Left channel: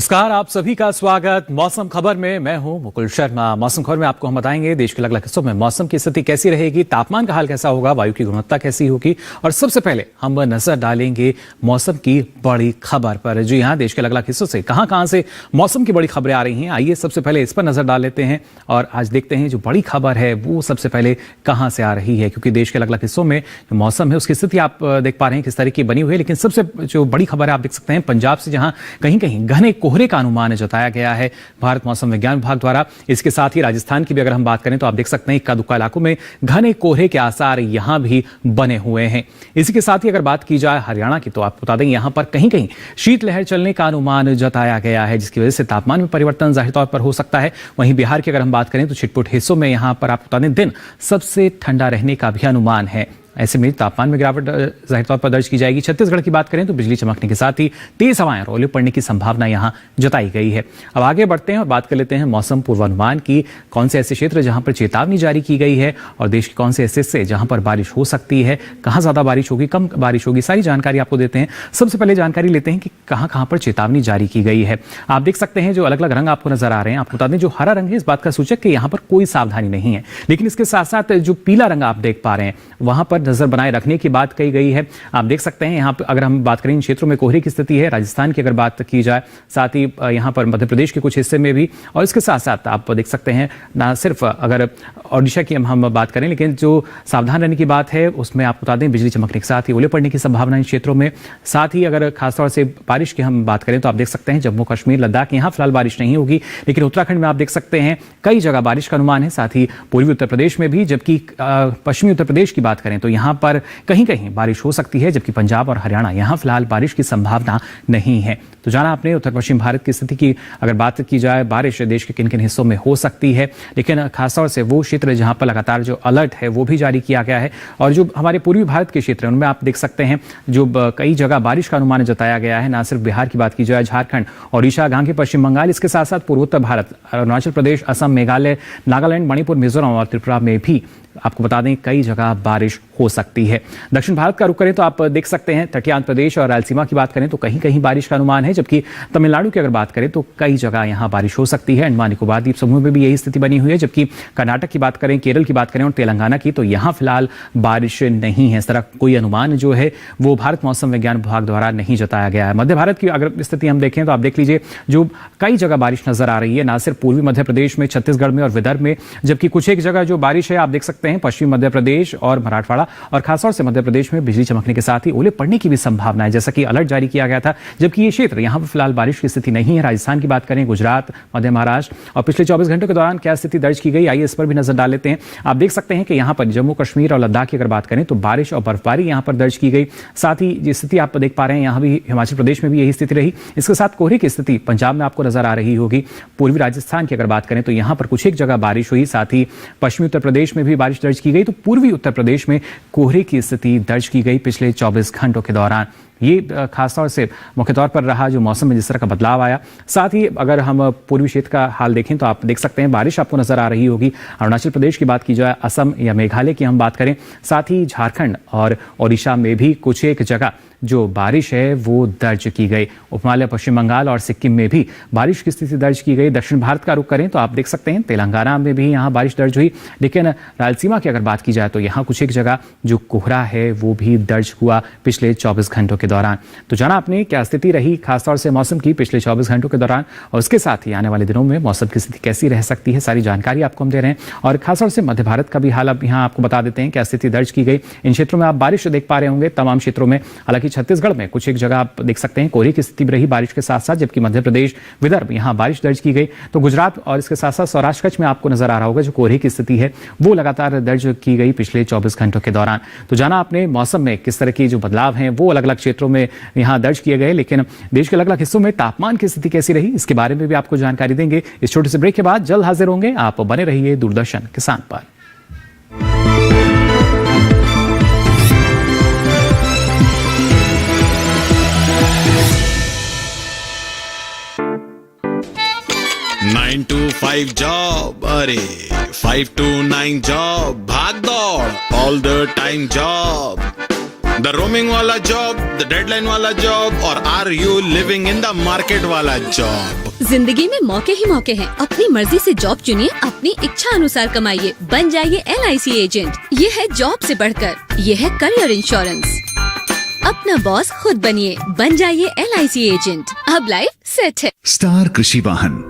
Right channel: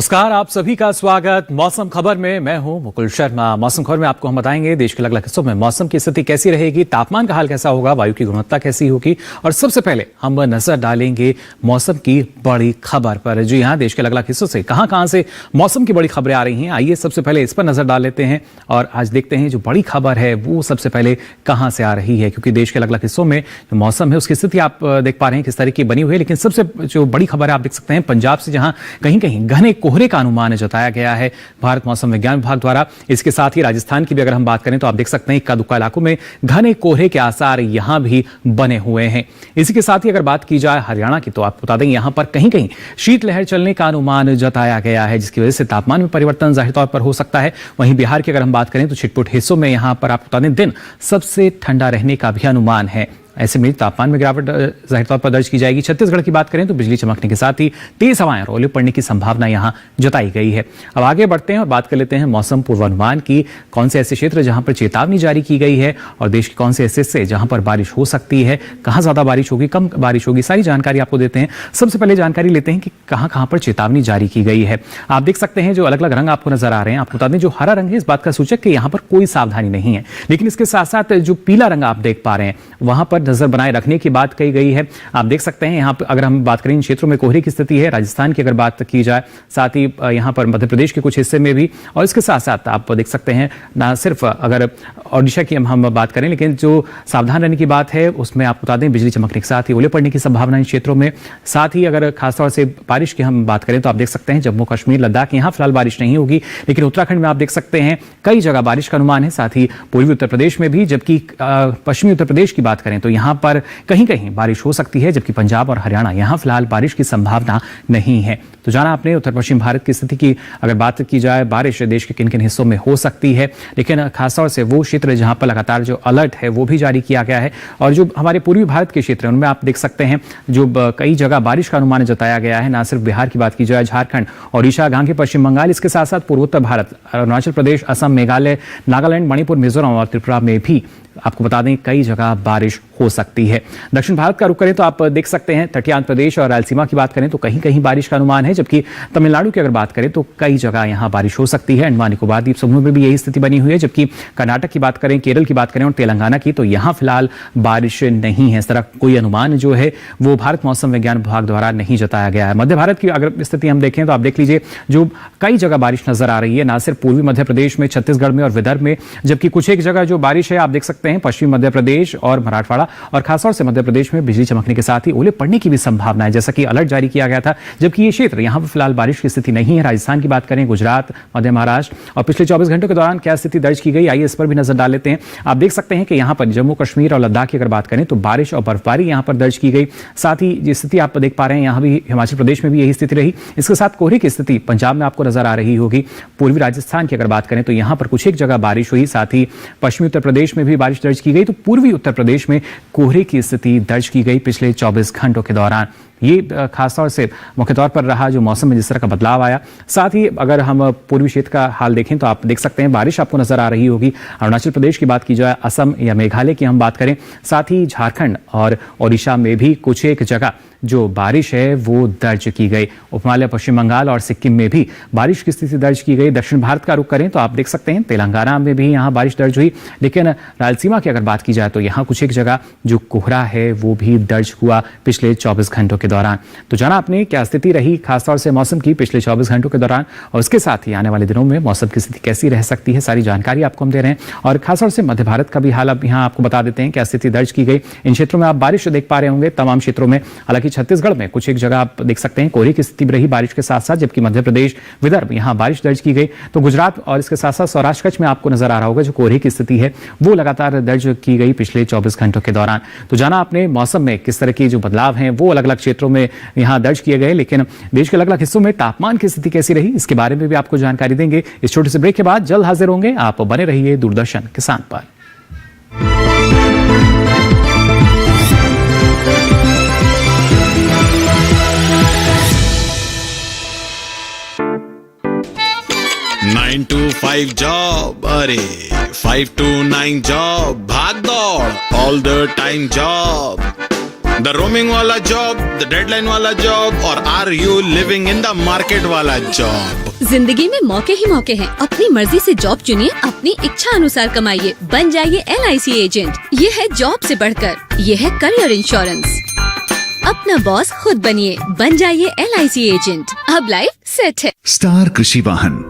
नमस्कार, आप सभी का स्वागत मौसम खबर में। मैं हूं मुकुल शर्मा। मौसम खबर में आपको हम बताएंगे देश के अलग अलग हिस्सों में मौसम की स्थिति कैसी रहेगी, तापमान का हाल कैसा होगा, वायु की गुणवत्ता कैसी होगी। और सबसे पहले हम नजर डालेंगे मौसम की बड़ी खबर पर। जी हां, देश के अलग अलग हिस्सों से कहां से मौसम की बड़ी खबरें आ रही हैं, आइए सबसे पहले इस पर नजर डाल लेते हैं और आज देखते हैं जो बड़ी खबर है वो सबसे पहले कहां से आ रही है। क्योंकि देश के अलग अलग हिस्सों में जो मौसम है उसकी स्थिति आप देख पा रहे हैं किस तरह की बनी हुई है। लेकिन सबसे जो बड़ी खबर है आप देख सकते हैं पंजाब से, जहां कहीं कहीं घने कोहरे का अनुमान जताया गया है भारत मौसम विज्ञान विभाग द्वारा। इसके साथ ही राजस्थान की भी अगर हम बात करें तो आप देख सकते हैं इक्का दुक्का इलाकों में घने कोहरे के आसार यहां भी बने हुए हैं। इसी के साथ ही अगर बात की जाए हरियाणा की तो आपको बता दें यहां पर कहीं कहीं शीतलहर चलने का अनुमान जताया गया है, जिसकी वजह से तापमान में परिवर्तन जाहिर तौर पर हो सकता है। वहीं बिहार की अगर हम बात करें तो छिटपुट हिस्सों में यहां पर आपको बता दें दिन सबसे ठंडा रहने का भी अनुमान है। ऐसे में तापमान में गिरावट जाहिर तौर पर दर्ज की जाएगी। छत्तीसगढ़ की बात करें तो बिजली चमकने के साथ ही तेज हवाएं और ओले पड़ने की संभावना यहां जताई गई है। अब आगे बढ़ते हैं और बात कर लेते हैं मौसम पूर्वानुमान की। कौन से ऐसे क्षेत्र जहां पर चेतावनी जारी की गई है और देश के कौन से ऐसे हिस्से जहां पर बारिश हो सकती है, कहां ज्यादा बारिश होगी, कम बारिश होगी, सारी जानकारी आपको देते हैं। सबसे पहले जानकारी लेते हैं कि कहां पर चेतावनी जारी की गई है। आप देख सकते हैं जो अलग अलग रंग आपको नजर आ रहे हैं। आपको बता दें जो हरा रंग है इस बात का सूचक कि यहां पर कोई सावधानी नहीं है, लेकिन इसके साथ साथ जो पीला रंग आप देख पा रहे हैं वहां पर नजर बनाए रखने की बात कही गई है। आप देख सकते हैं यहां पर अगर हम बात करें इन क्षेत्रों में कोहरे की स्थिति है, राजस्थान की अगर बात की जाए, साथ ही यहां पर मध्य प्रदेश के कुछ हिस्से में भी, और इसके साथ साथ आप देख सकते हैं ना सिर्फ अगर ओडिशा की हम बात करें, लेकिन जो सावधान रहने की बात है उसमें आपको बता दें बिजली चमकने के साथ ही ओले पड़ने की संभावना इन क्षेत्रों में। साथ ही अगर खासतौर से बारिश की हम बात करें तो आप देख सकते हैं जम्मू कश्मीर लद्दाख यहां फिलहाल बारिश नहीं होगी, लेकिन उत्तराखंड में आप देख सकते हैं कई जगह बारिश का अनुमान है, साथ ही पूर्वी उत्तर प्रदेश में भी। जबकि पश्चिमी उत्तर प्रदेश की बात करें तो यहां पर कहीं कहीं बारिश हो सकती है, जबकि पंजाब और हरियाणा यहां फिलहाल बारिश की संभावना नहीं है। तो जाना आपने उत्तर पश्चिम भारत की स्थिति की। अगर बात की जाए बारिश देश के किन किन हिस्सों में हो सकती है, लेकिन खासतौर से वो क्षेत्र जहां पर लगातार जो अलर्ट है वो भी जारी किया गया है। और जो हमारे पूर्वी भारत के क्षेत्र है उनमें आप देख सकते हैं जो कई जगह बारिश का अनुमान जताया गया है। ना सिर्फ बिहार की बात की जाए, झारखंड, ओडिशा, गांगे पश्चिम बंगाल, इसके साथ साथ पूर्वोत्तर भारत, अरुणाचल प्रदेश, असम, मेघालय, नागालैंड, मणिपुर, मिजोरम और त्रिपुरा में भी आपको बता दें कई जगह बारिश हो सकती है। दक्षिण भारत का रुख करें तो आप देख सकते हैं तटीय आंध्र प्रदेश और रायलसीमा की बात करें तो कहीं कहीं बारिश का अनुमान है, जबकि तमिलनाडु की अगर बात करें तो कई जगह यहां बारिश हो सकती है। अंडमान निकोबार द्वीप समूह में भी यही स्थिति बनी हुई है, जबकि कर्नाटक की बात करें, केरल की बात करें और तेलंगाना की तो यहां फिलहाल बारिश नहीं है। इस तरह कोई अनुमान जो है वो भारत मौसम विज्ञान विभाग द्वारा नहीं जताया गया है। मध्य भारत की अगर स्थिति हम देखें तो आप देख लीजिए जो कई जगह बारिश नजर आ रही है, ना सिर्फ पूर्वी मध्य प्रदेश में, छत्तीसगढ़ में और विदर्भ में, जबकि कुछ एक जगह जो बारिश है आप देख सकते हैं पश्चिमी मध्य प्रदेश और मराठवाड़ा और खासतौर से मध्य प्रदेश में बिजली चमकने के साथ ही ओले पड़ने की भी संभावना है, जैसा कि अलर्ट जारी किया गया था। जबकि ये क्षेत्र यहां पर फिलहाल बारिश की स्थिति नहीं है। राजस्थान की बात करें, गुजरात, मध्य महाराष्ट्र और पिछले 24 घंटों के दौरान क्या स्थिति दर्ज की गई, आइए इस पर भी नजर डाल लेते हैं। आप देख सकते हैं कि यहां पर जम्मू कश्मीर और लद्दाख की अगर बात करें तो बारिश और बर्फबारी यहां पर दर्ज की गई। साथ ही जिस स्थिति आप देख पा रहे हैं यहां भी हिमाचल प्रदेश में भी यही स्थिति रही। इसके साथ कोहरे की स्थिति पंजाब में आपको नजर आ रही होगी। पूर्वी राजस्थान की अगर बात करें तो यहां पर कुछ एक जगह बारिश हुई, साथ ही पश्चिमी उत्तर प्रदेश में भी बारिश दर्ज की गई। तो पूर्वी उत्तर प्रदेश में कोहरे की स्थिति दर्ज की गई पिछले 24 घंटों के दौरान। ये खासतौर से मुख्य तौर पर रहा जो मौसम में जिस तरह का बदलाव आया। साथ ही अगर हम पूर्वी क्षेत्र का हाल देखें तो आप देख सकते हैं बारिश आपको नजर आ रही होगी। अरुणाचल प्रदेश की बात की जाए, असम या मेघालय की हम बात करें, साथ ही झारखंड और ओडिशा में भी कुछ एक जगह जो बारिश है वो दर्ज की गई। उपहिमालय, पश्चिम बंगाल और सिक्किम में भी बारिश की स्थिति दर्ज की गई। दक्षिण भारत का रुख करें तो आप देख सकते हैं तेलंगाना में भी यहां बारिश दर्ज हुई, लेकिन रायलसीमा की अगर बात की जाए तो यहां कुछ एक जगह जो कोहरा है वो भी दर्ज हुआ पिछले 24 घंटों के दौरान। तो जाना आपने क्या स्थिति रही खासतौर से मौसम की पिछले 24 घंटों के दौरान, और उसके साथ ही आने वाले दिनों में मौसम की स्थिति कैसी रह सकती है, सारी जानकारी आपको हम दे रहे हैं। और खासतौर से मध्य भारत का भी हाल अब यहाँ आपको बता देते हैं क्या स्थिति दर्ज की गई। इन क्षेत्रों में आप बारिश देख पा रहे होंगे तमाम क्षेत्रों में। हालांकि छत्तीसगढ़ में कुछ एक जगह आप देख सकते हैं कोहरे की स्थिति भी रही बारिश के साथ साथ, जबकि मध्य प्रदेश, विदर्भ यहां बारिश दर्ज की गई। तो गुजरात और इसके साथ साथ सौराष्ट्र कच्छ में आपको नजर आ रहा होगा जो कोहरे की स्थिति है वो लगातार दर्ज की गई पिछले 24 घंटों के दौरान। तो जाना आपने मौसम में किस तरह के जो बदलाव हैं वो अलग अलग क्षेत्रों में यहां दर्ज किए गए, लेकिन देश के अलग अलग हिस्सों में तापमान की स्थिति कैसी रही इसके बारे में भी आपको जानकारी देंगे। इस छोटे से ब्रेक के बाद जल्द हाजिर होंगे। आप बने रहिए दूरदर्शन किसान पर। नाइन to 5 जॉब, अरे 5 to 9 जॉब, भाग दौड़ all the time job. The the roaming वाला जॉब, द डेडलाइन वाला जॉब, और are you living in the market वाला जॉब? जिंदगी में मौके ही मौके हैं। अपनी मर्जी से जॉब चुनिए, अपनी इच्छा अनुसार कमाइए, बन जाइए LIC एजेंट। ये है जॉब से बढ़कर, ये है करियर इंश्योरेंस। अपना बॉस खुद बनिए, बन जाइए LIC एजेंट। अब लाइफ सेट है। स्टार कृषि वाहन,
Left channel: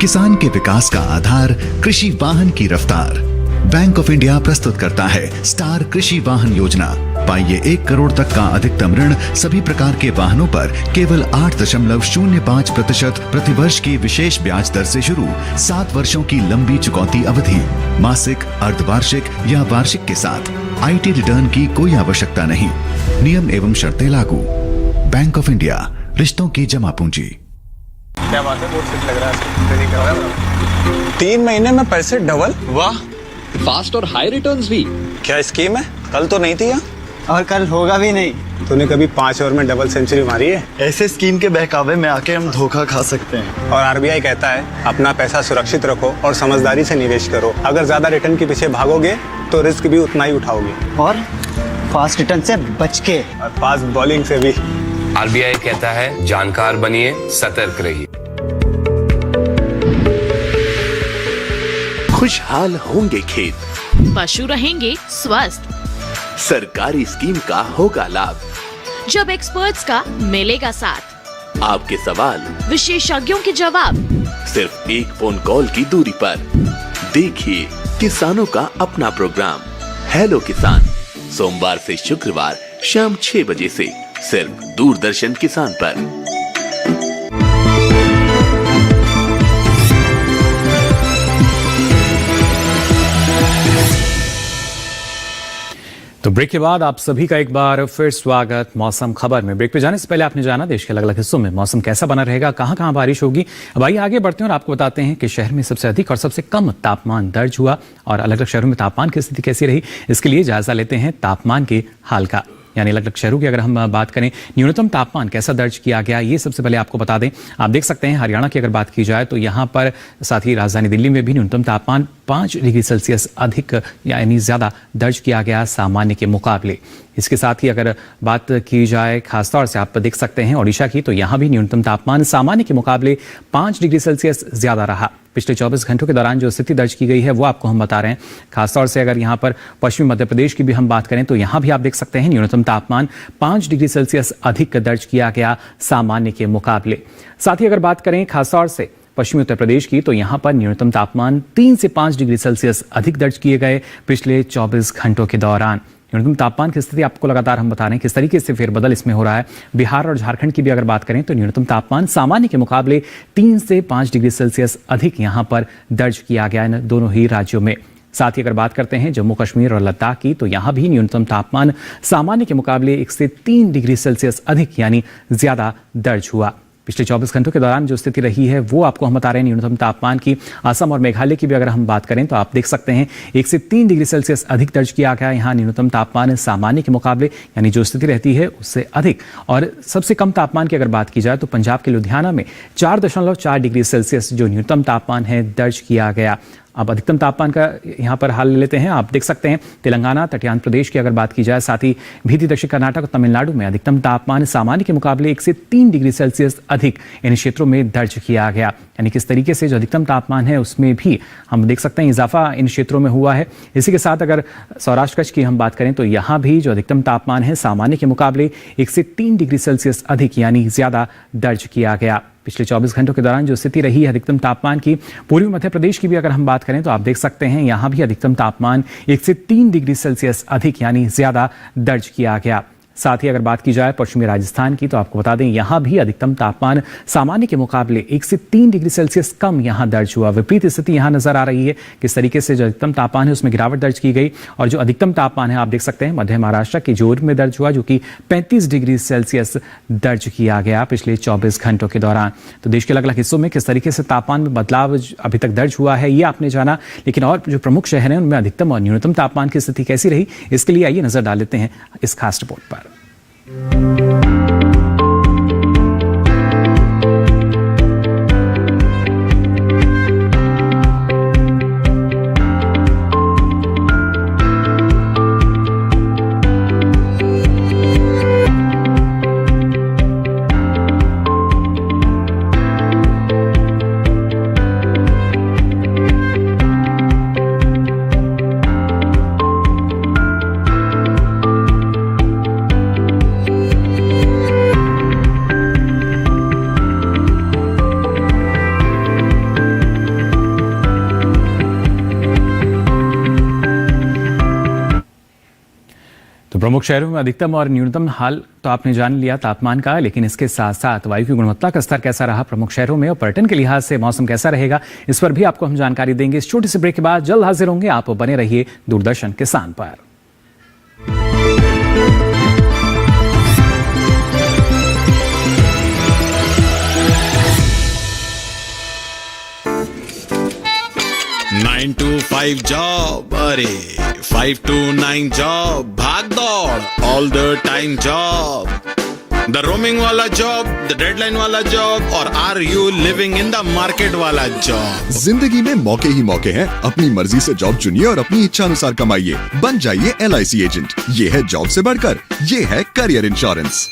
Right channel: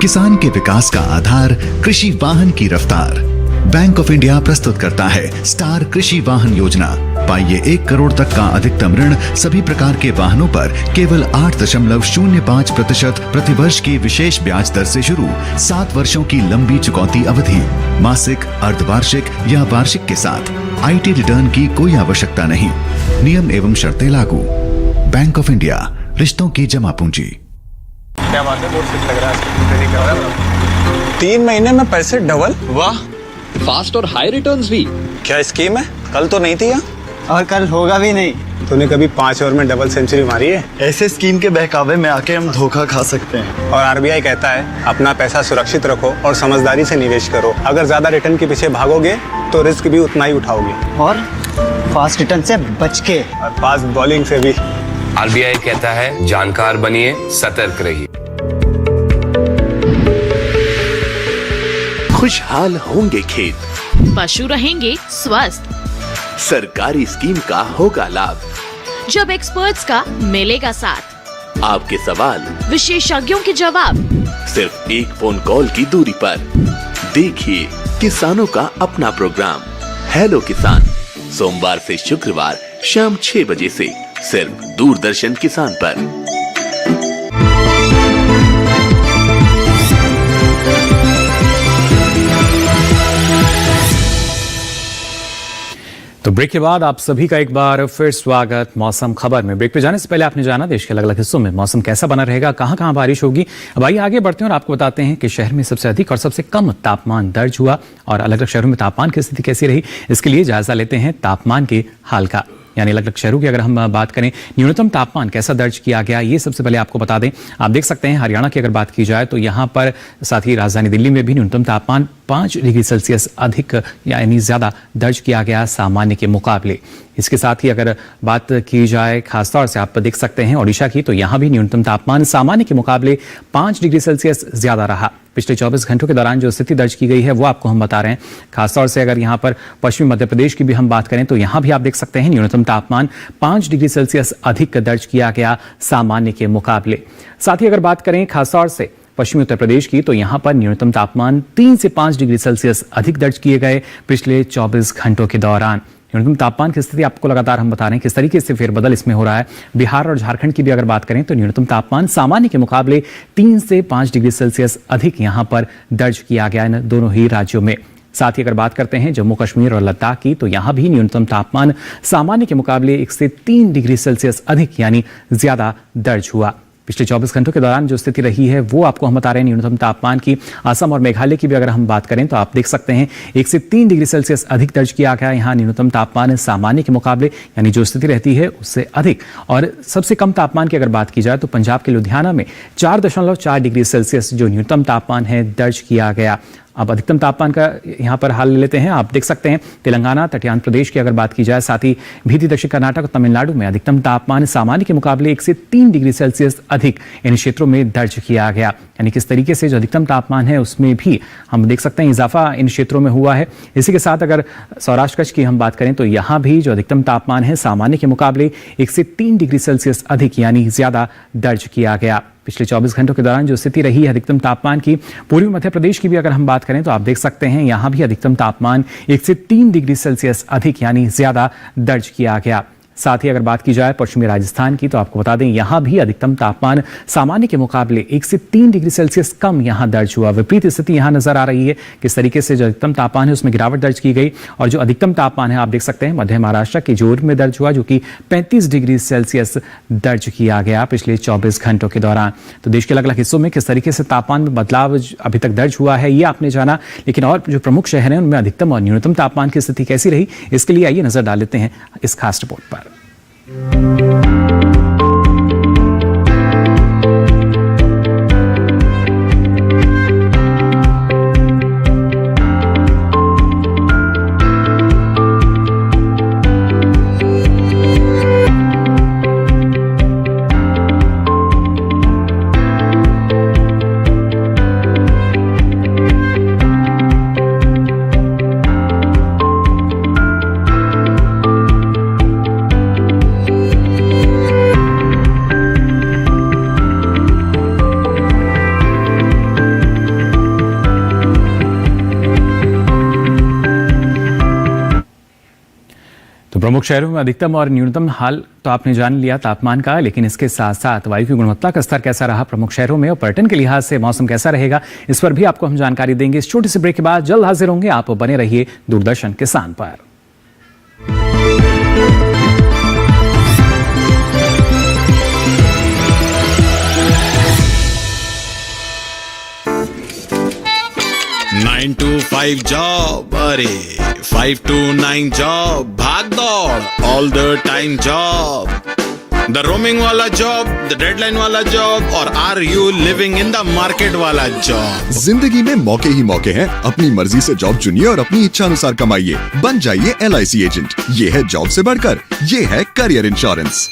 किसान के विकास का आधार, कृषि वाहन की रफ्तार। बैंक ऑफ इंडिया प्रस्तुत करता है स्टार कृषि वाहन योजना। पाइए 1 करोड़ तक का अधिकतम ऋण सभी प्रकार के वाहनों पर केवल 8.05% प्रतिवर्ष की विशेष ब्याज दर से शुरू। 7 वर्षों की लंबी चुकौती अवधि, मासिक, अर्धवार्षिक या वार्षिक के साथ। IT रिटर्न की कोई आवश्यकता नहीं। नियम एवं शर्तें लागू। बैंक ऑफ इंडिया, रिश्तों की जमा पूंजी। क्या बात है, बहुत सही लग रहा है। 3 महीने में पैसे डबल, वाह। फास्ट और हाई रिटर्न्स भी। क्या स्कीम है? कल तो नहीं थी यहाँ। और कल होगा भी नहीं। तूने कभी 5 ओवर में डबल सेंचुरी मारी है? ऐसे स्कीम के बहकावे में आके हम धोखा खा सकते हैं। और RBI कहता है अपना पैसा सुरक्षित रखो और समझदारी से निवेश करो। अगर ज्यादा रिटर्न के पीछे भागोगे तो रिस्क भी उतना ही उठाओगे। और फास्ट रिटर्न से बच के, और फास्ट बॉलिंग से भी। RBI कहता है जानकार बनिए, सतर्क रहिए। खुशहाल होंगे खेत, पशु रहेंगे स्वस्थ, सरकारी स्कीम का होगा लाभ, जब एक्सपर्ट्स का मिलेगा साथ, आपके सवाल विशेषज्ञों के जवाब, सिर्फ एक फोन कॉल की दूरी पर। देखिए किसानों का अपना प्रोग्राम हेलो किसान, सोमवार से शुक्रवार शाम 6 बजे से सिर्फ दूरदर्शन किसान पर। तो ब्रेक के बाद आप सभी का एक बार फिर स्वागत मौसम खबर में। ब्रेक पे जाने से पहले आपने जाना देश के अलग अलग हिस्सों में मौसम कैसा बना रहेगा, कहां कहां बारिश होगी। अब आइए आगे बढ़ते हैं और आपको बताते हैं कि शहर में सबसे अधिक और सबसे कम तापमान दर्ज हुआ और अलग अलग शहरों में तापमान की स्थिति कैसी रही। इसके लिए जायजा लेते हैं तापमान के हाल का। यानी अलग अलग शहरों की अगर हम बात करें, न्यूनतम तापमान कैसा दर्ज किया गया, ये सबसे पहले आपको बता दें। आप देख सकते हैं हरियाणा की अगर बात की जाए तो यहाँ पर, साथ ही राजधानी दिल्ली में भी न्यूनतम तापमान 5 डिग्री सेल्सियस अधिक यानी ज्यादा दर्ज किया गया सामान्य के मुकाबले। इसके साथ ही अगर बात की जाए खासतौर से आप देख सकते हैं ओडिशा की, तो यहाँ भी न्यूनतम तापमान सामान्य के मुकाबले 5 डिग्री सेल्सियस ज्यादा रहा। पिछले 24 घंटों के दौरान जो स्थिति दर्ज की गई है वो आपको हम बता रहे हैं। खासतौर से अगर यहाँ पर पश्चिमी मध्य प्रदेश की भी हम बात करें तो यहाँ भी आप देख सकते हैं न्यूनतम तापमान 5 डिग्री सेल्सियस अधिक दर्ज किया गया सामान्य के मुकाबले। साथ ही अगर बात करें खासतौर से पश्चिमी उत्तर प्रदेश की, तो यहां पर न्यूनतम तापमान 3 से 5 डिग्री सेल्सियस अधिक दर्ज किए गए पिछले 24 घंटों के दौरान। न्यूनतम तापमान की स्थिति आपको लगातार हम बता रहे हैं किस तरीके से फेरबदल इसमें हो रहा है। बिहार और झारखंड की भी अगर बात करें तो न्यूनतम तापमान सामान्य के मुकाबले 3 से 5 डिग्री सेल्सियस अधिक यहां पर दर्ज किया गया है दोनों ही राज्यों में। साथ ही अगर बात करते हैं जम्मू कश्मीर और लद्दाख की, तो यहां भी न्यूनतम तापमान सामान्य के मुकाबले 1 से 3 डिग्री सेल्सियस अधिक यानी ज्यादा दर्ज हुआ। पिछले 24 घंटों के दौरान जो स्थिति रही है वो आपको हम बता रहे हैं न्यूनतम तापमान की। असम और मेघालय की भी अगर हम बात करें तो आप देख सकते हैं 1 से 3 डिग्री सेल्सियस अधिक दर्ज किया गया है यहाँ न्यूनतम तापमान सामान्य के मुकाबले, यानी जो स्थिति रहती है उससे अधिक। और सबसे कम तापमान की अगर बात की जाए तो पंजाब के लुधियाना में 4.4 डिग्री सेल्सियस जो न्यूनतम तापमान है दर्ज किया गया। अब अधिकतम तापमान का यहाँ पर हाल लेते हैं। आप देख सकते हैं तेलंगाना, तटीय आंध्र प्रदेश की अगर बात की जाए, साथ ही भीति दक्षिण कर्नाटक और तमिलनाडु में अधिकतम तापमान सामान्य के मुकाबले 1 से 3 डिग्री सेल्सियस अधिक इन क्षेत्रों में दर्ज किया गया। यानी किस तरीके से जो अधिकतम तापमान है उसमें भी हम देख सकते हैं इजाफा इन क्षेत्रों में हुआ है। इसी के साथ अगर सौराष्ट्र कच्छ की हम बात करें तो यहाँ भी जो अधिकतम तापमान है सामान्य के मुकाबले 1 से 3 डिग्री सेल्सियस अधिक यानी ज्यादा दर्ज किया गया। पिछले 24 घंटों के दौरान जो स्थिति रही है अधिकतम तापमान की, पूर्वी मध्य प्रदेश की भी अगर हम बात करें तो आप देख सकते हैं यहां भी अधिकतम तापमान 1 से 3 डिग्री सेल्सियस अधिक यानी ज्यादा दर्ज किया गया। साथ ही अगर बात की जाए पश्चिमी राजस्थान की, तो आपको बता दें यहां भी अधिकतम तापमान सामान्य के मुकाबले 1 से 3 डिग्री सेल्सियस कम यहां दर्ज हुआ। विपरीत स्थिति यहां नजर आ रही है किस तरीके से जो अधिकतम तापमान है उसमें गिरावट दर्ज की गई और जो अधिकतम तापमान है आप देख सकते हैं मध्य महाराष्ट्र के जोर में दर्ज हुआ जो कि 35 डिग्री सेल्सियस दर्ज किया गया पिछले 24 घंटों के दौरान। तो देश के अलग अलग हिस्सों में किस तरीके से तापमान में बदलाव अभी तक दर्ज हुआ है ये आपने जाना, लेकिन और जो प्रमुख शहर हैं उनमें अधिकतम और न्यूनतम तापमान की स्थिति कैसी रही इसके लिए आइए नजर डाल लेते हैं इस खास रिपोर्ट पर। प्रमुख शहरों में अधिकतम और न्यूनतम हाल तो आपने जान लिया तापमान का, लेकिन इसके साथ साथ वायु की गुणवत्ता का स्तर कैसा रहा प्रमुख शहरों में और पर्यटन के लिहाज से मौसम कैसा रहेगा, इस पर भी आपको हम जानकारी देंगे। इस छोटे से ब्रेक के बाद जल्द हाजिर होंगे। आप बने रहिए दूरदर्शन किसान पर। नाइन to 5 जॉब, अरे 5 to 9 जॉब, भाग दौड़ all the time job, the roaming वाला जॉब, द डेडलाइन वाला जॉब और are you living in the market वाला जॉब। जिंदगी में मौके ही मौके हैं। अपनी मर्जी से जॉब चुनिए और अपनी इच्छा अनुसार कमाइए। बन जाइए LIC एजेंट। ये है जॉब से बढ़कर, ये है करियर इंश्योरेंस।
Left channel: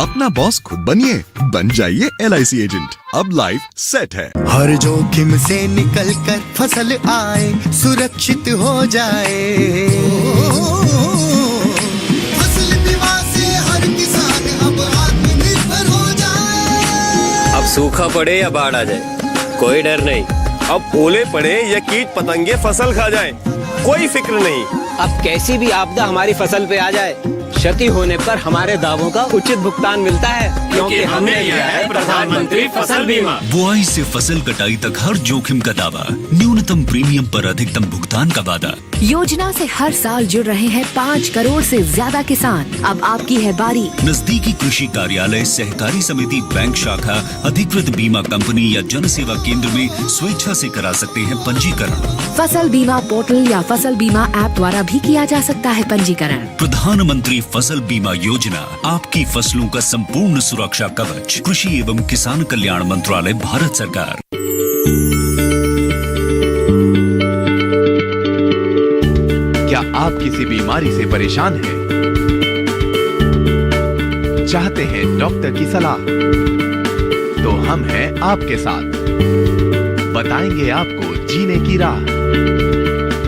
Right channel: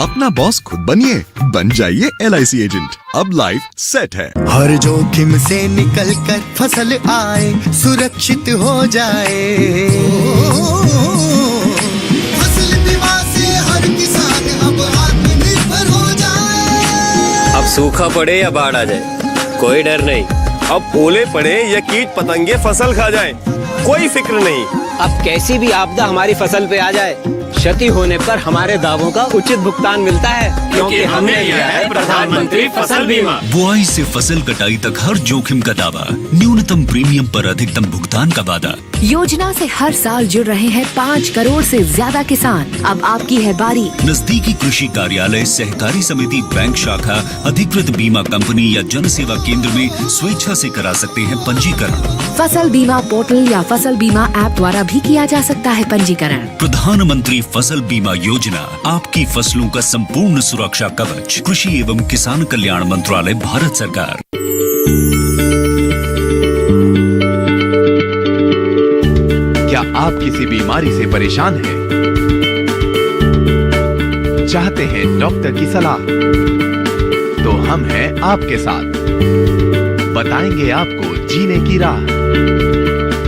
अपना बॉस खुद बनिए, बन जाइए LIC एजेंट। अब लाइफ सेट है। हर जोखिम से निकल कर फसल आए, सुरक्षित हो जाए। फसल बीमा से हर किसान अब आत्मनिर्भर हो जाए। अब सूखा पड़े या बाढ़ आ जाए, कोई डर नहीं। अब ओले पड़े या कीट पतंगे फसल खा जाए, कोई फिक्र नहीं। अब कैसी भी आपदा हमारी फसल पे आ जाए, क्षति होने पर हमारे दावों का उचित भुगतान मिलता है, क्योंकि हमने लिया है प्रधानमंत्री फसल बीमा। बुआई से फसल कटाई तक हर जोखिम का दावा, न्यूनतम प्रीमियम पर अधिकतम भुगतान का वादा। योजना से हर साल जुड़ रहे हैं 5 करोड़ से ज्यादा किसान। अब आपकी है बारी। नजदीकी कृषि कार्यालय, सहकारी समिति, बैंक शाखा, अधिकृत बीमा कंपनी या जन सेवा केंद्र में स्वेच्छा से करा सकते हैं पंजीकरण। फसल बीमा पोर्टल या फसल बीमा ऐप द्वारा भी किया जा सकता है पंजीकरण। प्रधानमंत्री फसल बीमा योजना, आपकी फसलों का संपूर्ण सुरक्षा कवच। कृषि एवं किसान कल्याण मंत्रालय, भारत सरकार। क्या आप किसी बीमारी से परेशान हैं? चाहते हैं डॉक्टर की सलाह? तो हम हैं आपके साथ, बताएंगे आपको जीने की राह।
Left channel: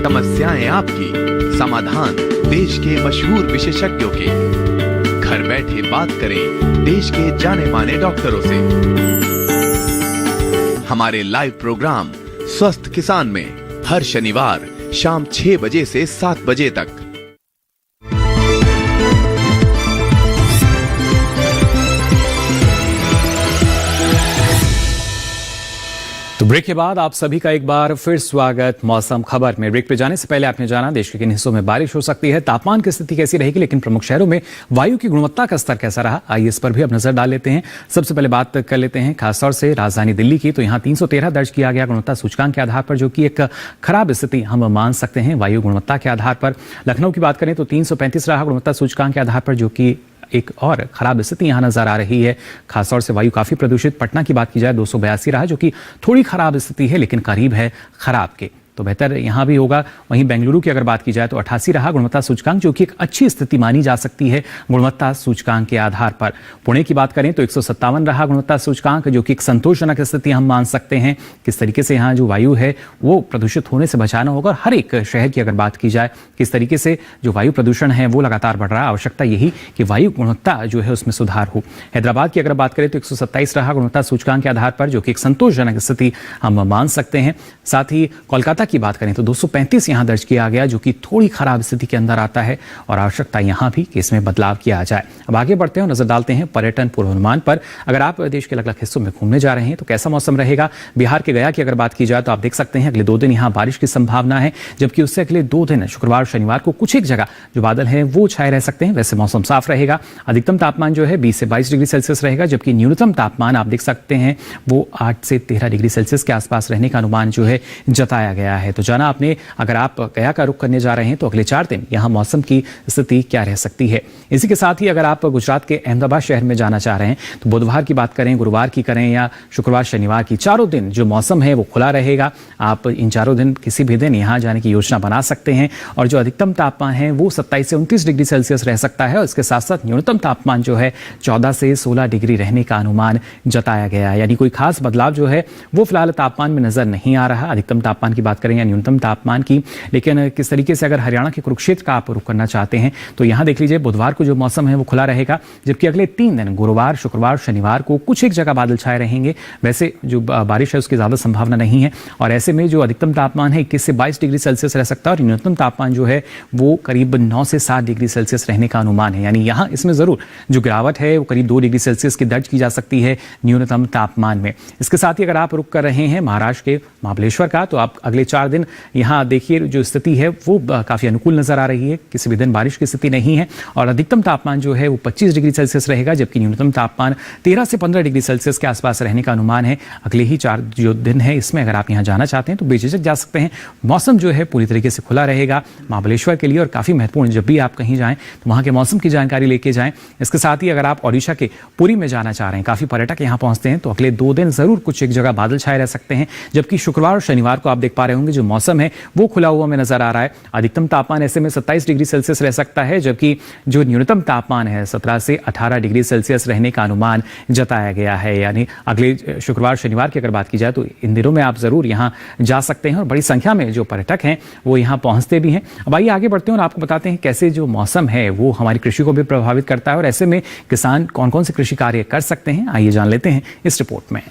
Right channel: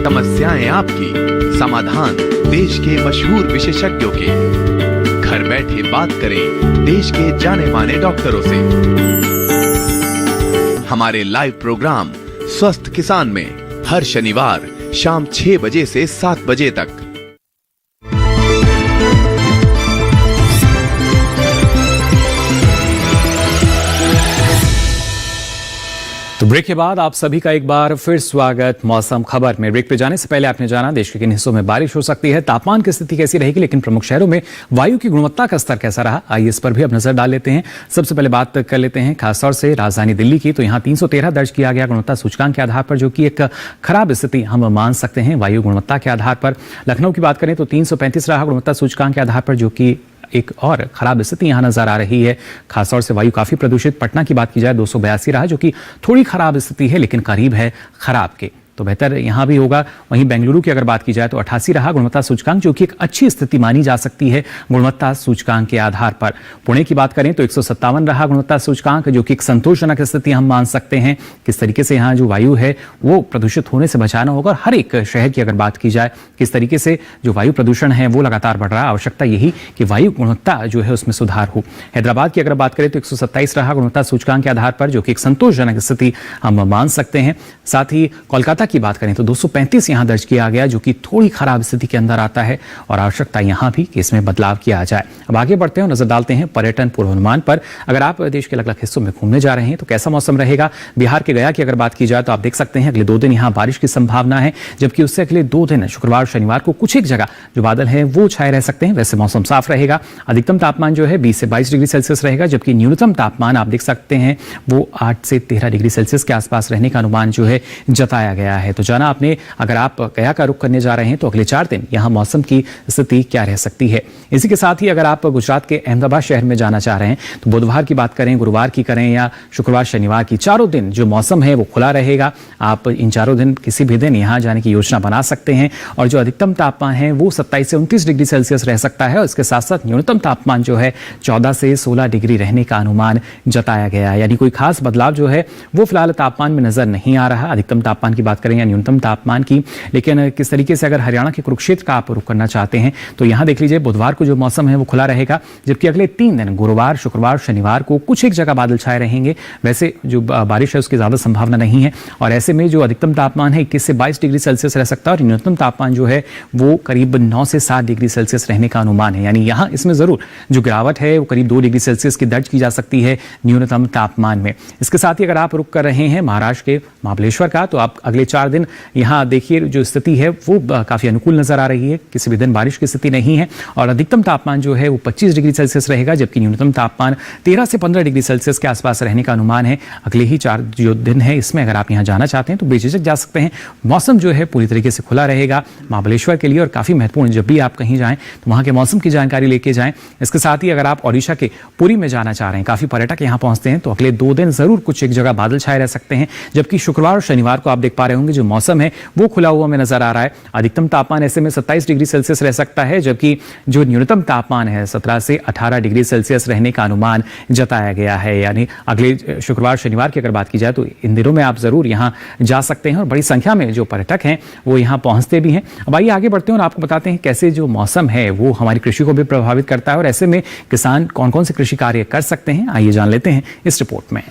समस्याएं आपकी, समाधान देश के मशहूर विशेषज्ञों के। घर बैठे बात करें देश के जाने माने डॉक्टरों से। हमारे लाइव प्रोग्राम स्वस्थ किसान में हर शनिवार शाम 6 बजे से 7 बजे तक। तो ब्रेक के बाद आप सभी का एक बार फिर स्वागत मौसम खबर में। ब्रेक पे जाने से पहले आपने जाना देश के किन हिस्सों में बारिश हो सकती है, तापमान की स्थिति कैसी रहेगी, लेकिन प्रमुख शहरों में वायु की गुणवत्ता का स्तर कैसा रहा, आइए इस पर भी अब नजर डाल लेते हैं। सबसे पहले बात कर लेते हैं खासतौर से राजधानी दिल्ली की। तो यहाँ 313 दर्ज किया गया गुणवत्ता सूचकांक के आधार पर, जो कि एक खराब स्थिति हम मान सकते हैं वायु गुणवत्ता के आधार पर। लखनऊ की बात करें तो 335 रहा गुणवत्ता सूचकांक के आधार पर, जो कि एक और खराब स्थिति यहां नजर आ रही है। खासतौर से वायु काफी प्रदूषित। पटना की बात की जाए 282 रहा, जो कि थोड़ी खराब स्थिति है लेकिन करीब है खराब के, तो बेहतर यहां भी होगा। वहीं बेंगलुरु की अगर बात की जाए तो 88 रहा गुणवत्ता सूचकांक, जो कि एक अच्छी स्थिति मानी जा सकती है गुणवत्ता सूचकांक के आधार पर। पुणे की बात करें तो 157 रहा गुणवत्ता सूचकांक, जो कि एक संतोषजनक स्थिति हम मान सकते हैं। किस तरीके से यहाँ जो वायु है वो प्रदूषित होने से बचाना होगा, और हर एक शहर की अगर बात की जाए किस तरीके से जो वायु प्रदूषण है वो लगातार बढ़ रहा है, आवश्यकता यही कि वायु गुणवत्ता जो है उसमें सुधार हो। हैदराबाद की अगर बात करें तो 127 रहा गुणवत्ता सूचकांक के आधार पर, जो कि एक संतोषजनक स्थिति हम मान सकते हैं। साथ ही कोलकाता की बात करें तो 235 यहां दर्ज किया गया, जो कि थोड़ी खराब स्थिति के अंदर आता है, और आवश्यकता यहां भी कि इसमें बदलाव किया जाए। अब आगे बढ़ते हैं, नजर डालते हैं पर्यटन पूर्वानुमान पर। अगर आप देश के अलग अलग हिस्सों में घूमने जा रहे हैं तो कैसा मौसम रहेगा। बिहार के गया की अगर बात की जाए तो आप देख सकते हैं अगले 2 दिन यहां बारिश की संभावना है, जबकि उससे अगले 2 दिन शुक्रवार और शनिवार को कुछ एक जगह जो बादल है वो छाए रह सकते हैं। वैसे मौसम साफ रहेगा। अधिकतम तापमान जो है 20 से 22 डिग्री सेल्सियस रहेगा, जबकि न्यूनतम तापमान आप देख सकते हैं वो 8 से 13 डिग्री सेल्सियस के आसपास रहने का अनुमान जो है जताया गया है। तो जाना आपने, अगर आप गया का रुख करने जा रहे हैं तो अगले 4 दिन यहां मौसम की स्थिति क्या रह सकती है। इसी के साथ ही अगर आप गुजरात के अहमदाबाद शहर में जाना चाह रहे हैं तो बुधवार की बात करें, गुरुवार की करें या शुक्रवार शनिवार की, चारों दिन जो मौसम है वो खुला रहेगा। आप इन चारों दिन किसी भी दिन यहां जाने की योजना बना सकते हैं, और जो अधिकतम तापमान है वो 27 से 29 डिग्री सेल्सियस रह सकता है, और इसके साथ साथ न्यूनतम तापमान जो है 14 से 16 डिग्री रहने का अनुमान जताया गया है। यानी कोई खास बदलाव जो है वो फिलहाल तापमान में नजर नहीं आ रहा। अधिकतम तापमान की बात करें या न्यूनतम तापमान की, लेकिन किस तरीके से अगर हरियाणा के कुरुक्षेत्र का आप रुख करना चाहते हैं तो यहाँ देख लीजिए बुधवार को जो मौसम है वो खुला रहेगा, जबकि अगले 3 दिन गुरुवार, शुक्रवार, शनिवार को कुछ एक जगह बादल छाए रहेंगे। वैसे जो बारिश है उसकी ज्यादा संभावना नहीं है और ऐसे में जो अधिकतम तापमान है 21 से 22 डिग्री सेल्सियस रह सकता है और न्यूनतम तापमान जो है वो करीब 9 से 7 डिग्री सेल्सियस रहने का अनुमान है। यानी यहाँ इसमें जरूर जो गिरावट है वो करीब 2 डिग्री सेल्सियस की दर्ज की जा सकती है न्यूनतम तापमान में। इसके साथ ही अगर आप रुक कर रहे हैं महाराष्ट्र के महाबलेश्वर का, तो आप अगले 4 दिन यहाँ देखिए जो स्थिति है वो काफी अनुकूल नजर आ रही है, किसी भी दिन बारिश की स्थिति नहीं है और अधिकतम तापमान जो है वो 25 डिग्री सेल्सियस रहेगा, जबकि न्यूनतम तापमान 13 से 15 डिग्री सेल्सियस के आसपास रहने का अनुमान है। अगले ही 4 जो दिन है इसमें अगर आप यहाँ जाना चाहते हैं तो बेझिझक जा सकते हैं। मौसम जो है पूरी तरीके से खुला रहेगा महाबलेश्वर के लिए और काफी महत्वपूर्ण, जब भी आप कहीं जाएं तो वहां के मौसम की जानकारी लेके जाएं। इसके साथ ही अगर आप ओडिशा के पुरी में जाना चाह रहे हैं, काफी पर्यटक यहाँ पहुंचते हैं, तो अगले 2 दिन जरूर कुछ एक जगह बादल छाए रह सकते हैं, जबकि शुक्रवार और शनिवार को आप देख पा रहे होंगे जो मौसम है वो खुला हुआ में नजर आ रहा है। अधिकतम तापमान ऐसे में 27 डिग्री सेल्सियस रह सकता है, जबकि जो न्यूनतम तापमान है 17 से 18 डिग्री सेल्सियस रहने का अनुमान जताया गया है। यानी अगले शुक्रवार शनिवार की अगर बात की जाए तो इन दिनों में आप जरूर यहाँ जा सकते हैं और बड़ी संख्या में जो पर्यटक हैं वो यहाँ पहुंचते भी हैं। अब आइए आगे बढ़ते हैं और आपको बताते हैं कैसे जो मौसम है वो हमारी कृषि को भी प्रभावित करता है और ऐसे में किसान कौन कौन से कृषि कार्य कर सकते हैं, आइए जान लेते हैं इस रिपोर्ट में।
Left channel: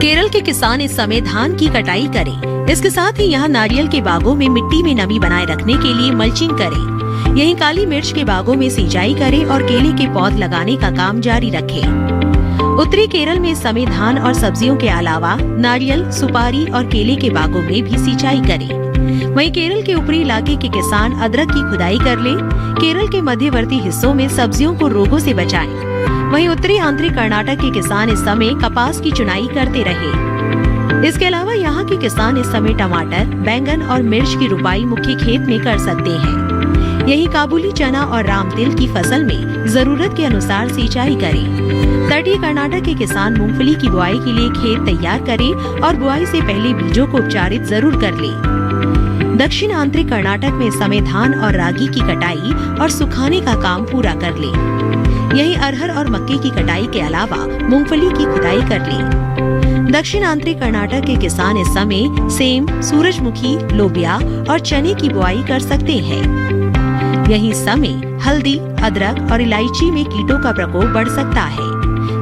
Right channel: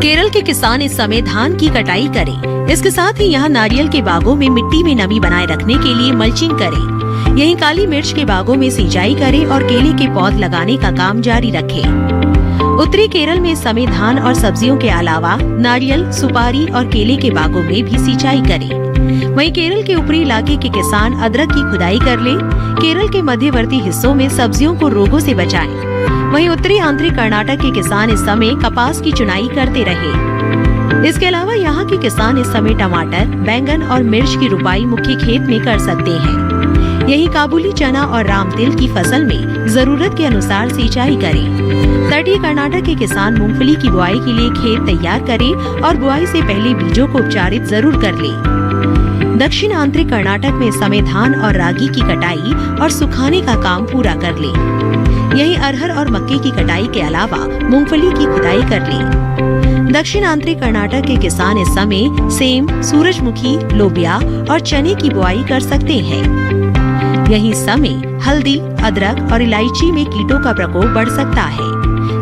केरल के किसान इस समय धान की कटाई करें। इसके साथ ही यहाँ नारियल के बागों में मिट्टी में नमी बनाए रखने के लिए मल्चिंग करें। यहीं काली मिर्च के बागों में सिंचाई करें और केले के पौध लगाने का काम जारी रखें। उत्तरी केरल में इस समय धान और सब्जियों के अलावा नारियल, सुपारी और केले के बागों में भी सिंचाई करें। वहीं केरल के ऊपरी इलाके के किसान अदरक की खुदाई कर ले। केरल के मध्यवर्ती हिस्सों में सब्जियों को रोगों से बचाएं। वहीं उत्तरी आंतरिक कर्नाटक के किसान इस समय कपास की चुनाई करते रहे। इसके अलावा यहाँ के किसान इस समय टमाटर, बैंगन और मिर्च की रुपाई मुख्य खेत में कर सकते हैं। यही काबुली चना और राम तिल की फसल में जरूरत के अनुसार सिंचाई करें। तटीय कर्नाटक के किसान मूंगफली की बुआई के लिए खेत तैयार करें और बुआई से पहले बीजों को उपचारित जरूर कर लें। दक्षिण आंतरिक कर्नाटक में इस समय धान और रागी की कटाई और सुखाने का काम पूरा कर लें। यहीं अरहर और मक्के की कटाई के अलावा मूंगफली की खुदाई कर लें। दक्षिण आंतरिक कर्नाटक के किसान इस समय सेम, सूरजमुखी, लोबिया और चने की बुआई कर सकते हैं। यही समय हल्दी, अदरक और इलायची में कीटों का प्रकोप बढ़ सकता है।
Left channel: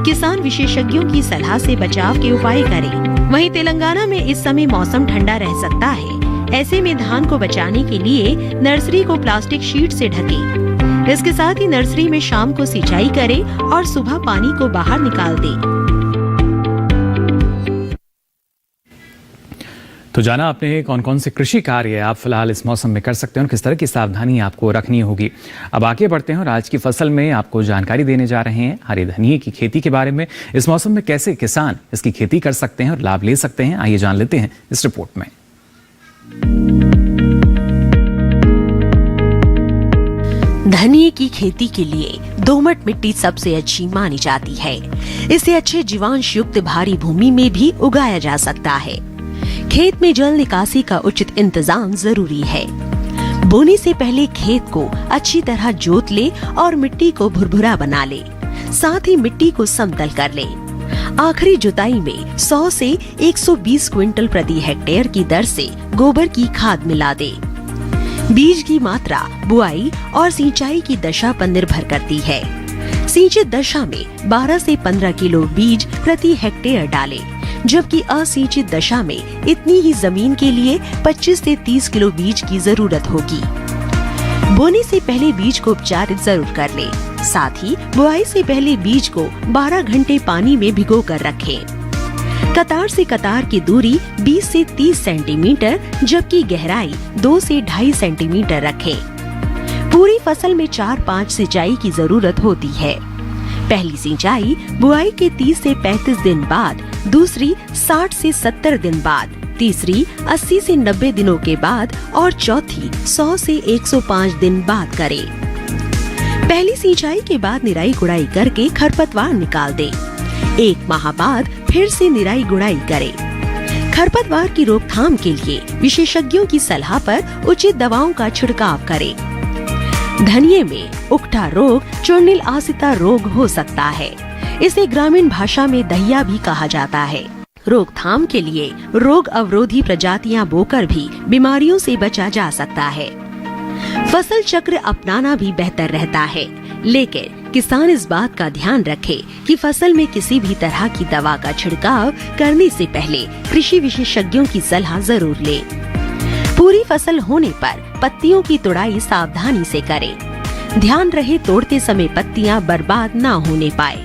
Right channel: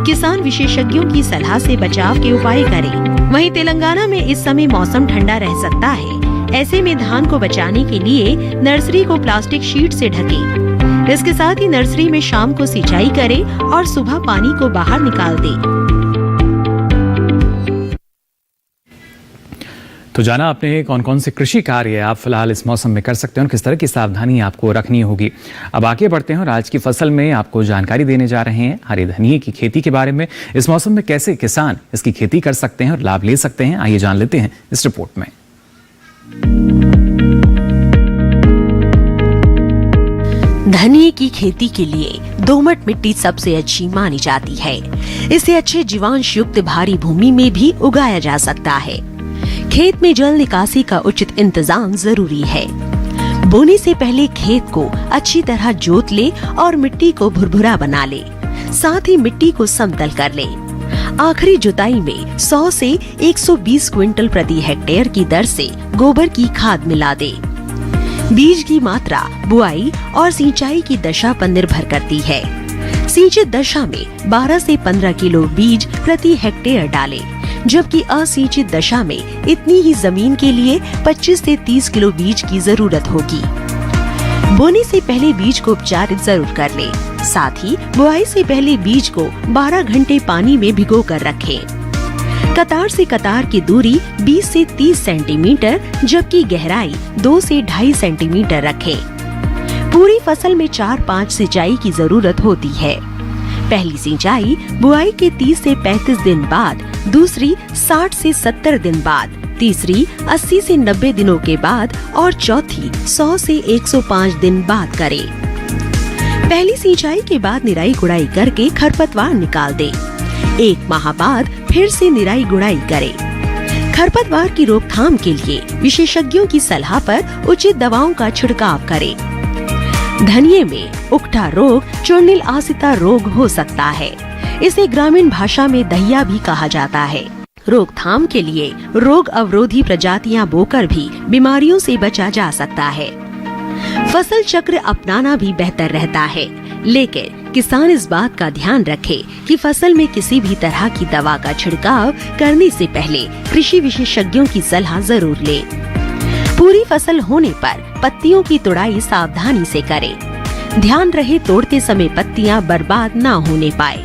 किसान विशेषज्ञों की सलाह से बचाव के उपाय करें। वहीं तेलंगाना में इस समय मौसम ठंडा रह सकता है। ऐसे में धान को बचाने के लिए नर्सरी को प्लास्टिक शीट से ढकें। इसके साथ ही नर्सरी में शाम को सिंचाई करें और सुबह पानी को बाहर निकाल दें। तो जाना आपने कौन कौन से कृषि कार्य आप फिलहाल इस मौसम में कर सकते हैं और किस तरह की सावधानी आपको रखनी होगी। अब आगे बढ़ते हैं और आज की फसल में आपको जानकारी देने जा रहे हैं हरे धनिये की खेती के बारे में। इस मौसम में कैसे किसान इसकी खेती कर सकते हैं और लाभ ले सकते हैं, आइए जान लेते हैं इस रिपोर्ट में। धनिये की खेती के लिए दोमट मिट्टी सबसे अच्छी मानी जाती है। इसे अच्छे जीवांश युक्त भारी भूमि में भी उगाया जा सकता है। खेत में जल निकासी का उचित इंतजाम जरूरी है। बोने से पहले खेत को अच्छी तरह जोत ले और मिट्टी को भुरभुरा बना ले। साथ ही मिट्टी को समतल कर ले। आखिरी जुताई में 100 से 120 क्विंटल प्रति हेक्टेयर की दर से गोबर की खाद मिला दे। बीज की मात्रा बुआई और सिंचाई की दशा पर निर्भर करती है। सिंचित दशा में 12 से 15 किलो बीज प्रति हेक्टेयर डालें, जबकि असिंचित दशा में इतनी ही जमीन के लिए 25 से 30 किलो बीज की जरूरत होगी। बोने से पहले बीज को उपचारित जरूर कर ले। साथ ही बुआई से पहले बीज को 12 घंटे पानी में भिगो कर रखें। कतार से कतार की दूरी 20 से 30 सेंटीमीटर, जबकि गहराई 2 से 2.5 सेंटीमीटर रखें। पूरी फसल में 4-5 सिंचाई की जरूरत होती है। पहली सिंचाई बुआई के 30 से 35 दिन बाद, दूसरी 60 से 70 दिन बाद, तीसरी 80 से 90 दिनों के बाद और चौथी 100 से 105 दिन बाद करें। पहली सिंचाई के बाद निराई गुड़ाई करके खरपतवार निकाल दें। 1 माह बाद फिर से निराई गुड़ाई करें। खरपतवार की रोकथाम के लिए विशेषज्ञों की सलाह पर उचित दवाओं का छिड़काव करें। धनिये में उकठा रोग चूर्णिल आसिता रोग हो सकता है। इसे ग्रामीण भाषा में दहिया भी कहा जाता है। रोकथाम के लिए रोग अवरोधी प्रजातियां बोकर भी बीमारियों से बचा जा सकता है। फसल चक्र अपनाना भी बेहतर रहता है, लेकिन किसान इस बात का ध्यान रखे कि फसल में किसी भी तरह की दवा का छिड़काव करने से पहले कृषि विशेषज्ञों की सलाह जरूर ले। पूरी फसल होने पर पत्तियों की तुड़ाई सावधानी से करें। ध्यान रहे तोड़ते समय पत्तियां बर्बाद ना होने पाए।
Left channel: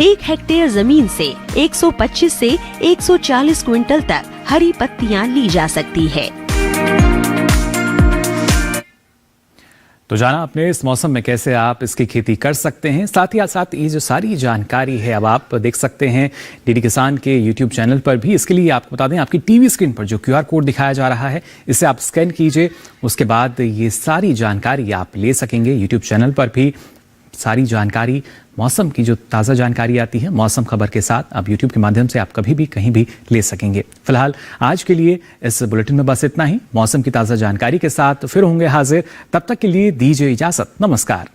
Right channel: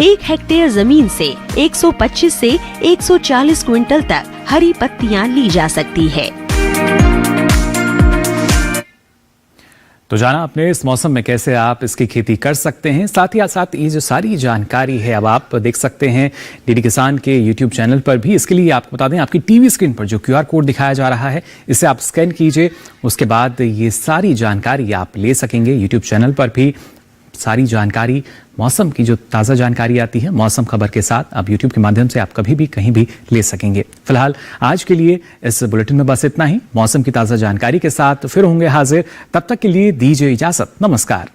1 हेक्टेयर जमीन से 125 से 140 क्विंटल तक हरी पत्तियां ली जा सकती है। तो जाना आपने इस मौसम में कैसे आप इसकी खेती कर सकते हैं। साथ ही साथ ये जो सारी जानकारी है अब आप देख सकते हैं डीडी किसान के यूट्यूब चैनल पर भी। इसके लिए आपको बता दें, आपकी टीवी स्क्रीन पर जो QR कोड दिखाया जा रहा है, इसे आप स्कैन कीजिए। उसके बाद ये सारी जानकारी आप ले सकेंगे। यूट्यूब चैनल पर भी सारी जानकारी, मौसम की जो ताज़ा जानकारी आती है मौसम खबर के साथ, अब YouTube के माध्यम से आप कभी भी कहीं भी ले सकेंगे। फिलहाल आज के लिए इस बुलेटिन में बस इतना ही। मौसम की ताज़ा जानकारी के साथ फिर होंगे हाजिर। तब तक के लिए दीजिए इजाजत। नमस्कार।